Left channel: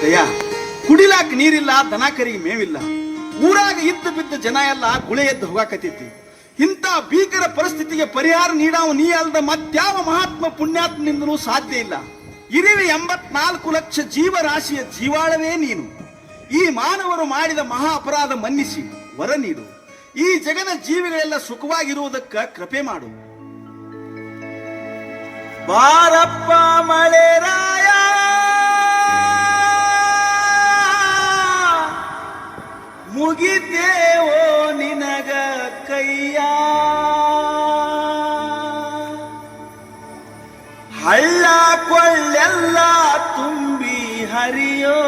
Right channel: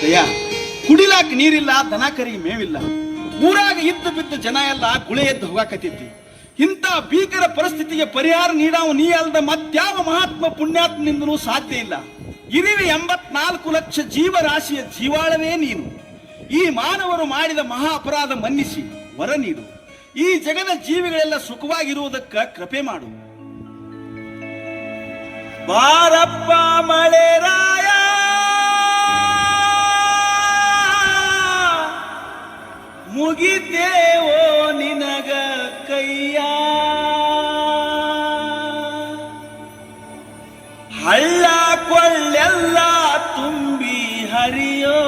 ದಯ ಕುಡಿಲಾಕ ನೀರಿಲ್ಲ, ದನ ಕರಿಗೆ ಮೇವಿಲ್ಲ. ಊರಾಗ ಇದ್ದು ಬಿದ್ದ ಜನ ಎಲ್ಲ ಗುಳೆ ಎದ್ದು ಹೋಗಾಕತ್ತಿದ್ವಿ. ಇಂಥ ಭೀಕರ ಪರಿಸ್ಥಿತಿಗೆ ಪರಿಹಾರ ನೀಡಾವ ನೀ ಅಲ್ಲದ ಮತ್ಯಾವ ಮಹಾತ್ಮ ಪುಣ್ಯಾತ್ಮನಿಂದಲೂ ಸಾಧ್ಯ ಇಲ್ಲ. ಇರಿವಿ 84 ಲಕ್ಷ ಜೀವರಾಶಿಯ ಜೀವಾಳವೇ ನೀನು. ಈ ಮಾನವರು ಮಾಡಿದ ಮಹಾ ಅಪರಾಧ ಮನ್ನಿಸಿ ವರ ನೀಡು. ಈ ಜಗದ ಜೀವಿಗಳೆಲ್ಲ ಸುಖವಾಗಿರುವುದಕ್ಕ ಕೃಪೆ ಮಾಡು. ಬಾರಪ್ಪ ಮಳೆರಾಯ, ಮುಗಿತೇವೋ ನಿನಗ ಕೈಯ, ಹಳ್ಳ ಕೊಳ್ಳೆಲ್ಲ ತುಂಬಿ ಹರಿಯೋ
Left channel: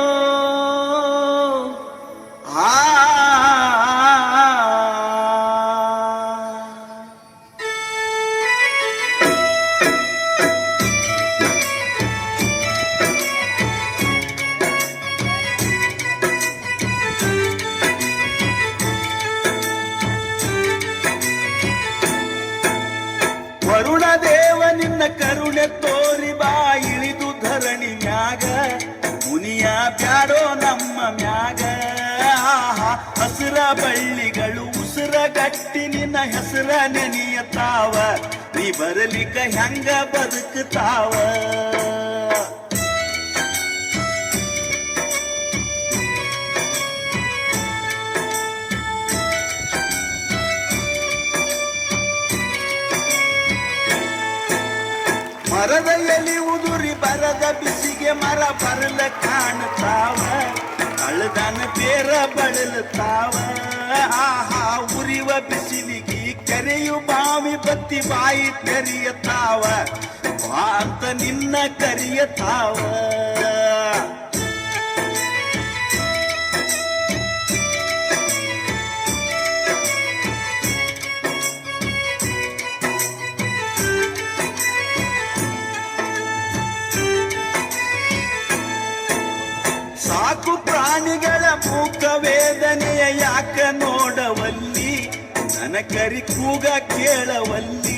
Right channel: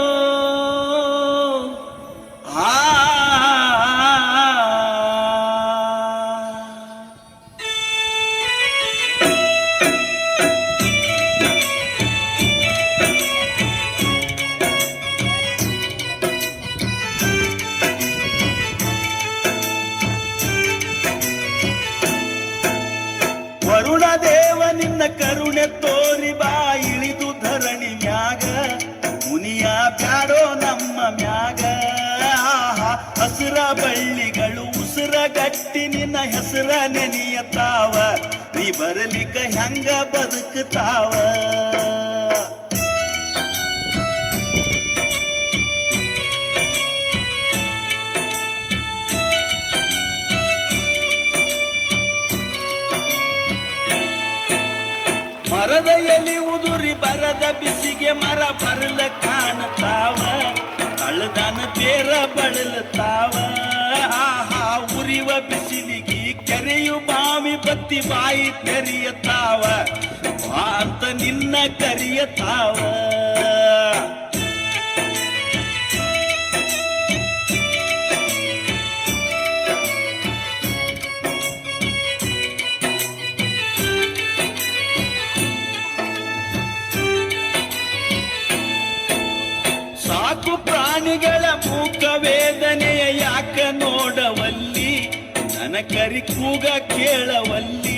ವರುಣ ದೇವ ನಿನ್ನ ಕರುಣೆ ತೋರಿ ಬಾ ಇಳಿದು ಧರಣಿ ಮ್ಯಾಗ, ಮುನಿಯ ಬ್ಯಾಡೋ ನಮ್ಮ ಮ್ಯಾಗ. ಹಸಿರ ಬಳ್ಳಿಗಳು ಉಸಿರ ಗಟ್ಟಿ ನಿನ್ನ ಹೆಸರ ನೆನೆಯತಾವ, ನೀ ಬರಲಿಕ್ಕ ಹೆಂಗ ಬದುಕುತ್ತಾವ. ಮರದ ಎಲಿ ಉದುರಿ ಬರದ ಬಿಸಿಗೆ ಮರ ಬರಲ ಕಾಣುತ್ತಾವ, ಅಳದನ ಬೇರ ಬಳಲುತ್ತಾವ. ಉರಿವ ಬಿಸಿಲಿಗೆ ಕೆರೆಯು ಬಾವಿ ಬತ್ತಿ ಬಾಯಿ ತೆರೆಯತಾವ, ಬಾ ಅಂತ ನಿನ್ನ ಕರೆಯತಾವ. ಸಾಕು ಪ್ರಾಣಿಗಳ ಮೂಕ ವೇದನೆಯ ಯಾಕ ನೋಡವಲ್ಲಿ, ನನ್ನ ಕರಿ ಕೂಗ ಕೇಳವಲ್ಲಿ.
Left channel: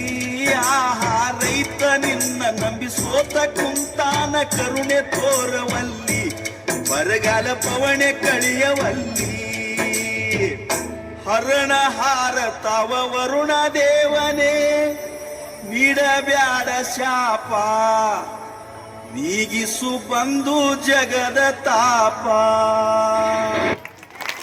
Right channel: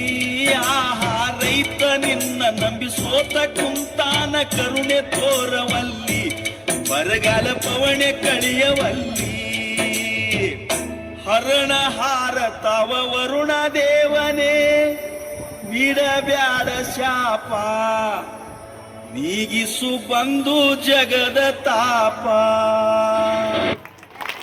ರೈತ ನಿನ್ನ ನಂಬಿ ಸೋತ ಕುಂತಾನ ಕರುಣೆ ತೋರವಲ್ಲಿ, ಬರಗಾಲ ಪವಣೆ ಕಳಿಯವಲ್ಲಿ. ಹರಣ ಹಾರತಾವ ವರುಣ ದೇವನೇ, ನೀಡಬ್ಯಾಡ ಶಾಪ, ನೀಗಿಸು ಬಂದು ಜಗದ ತಾಪ.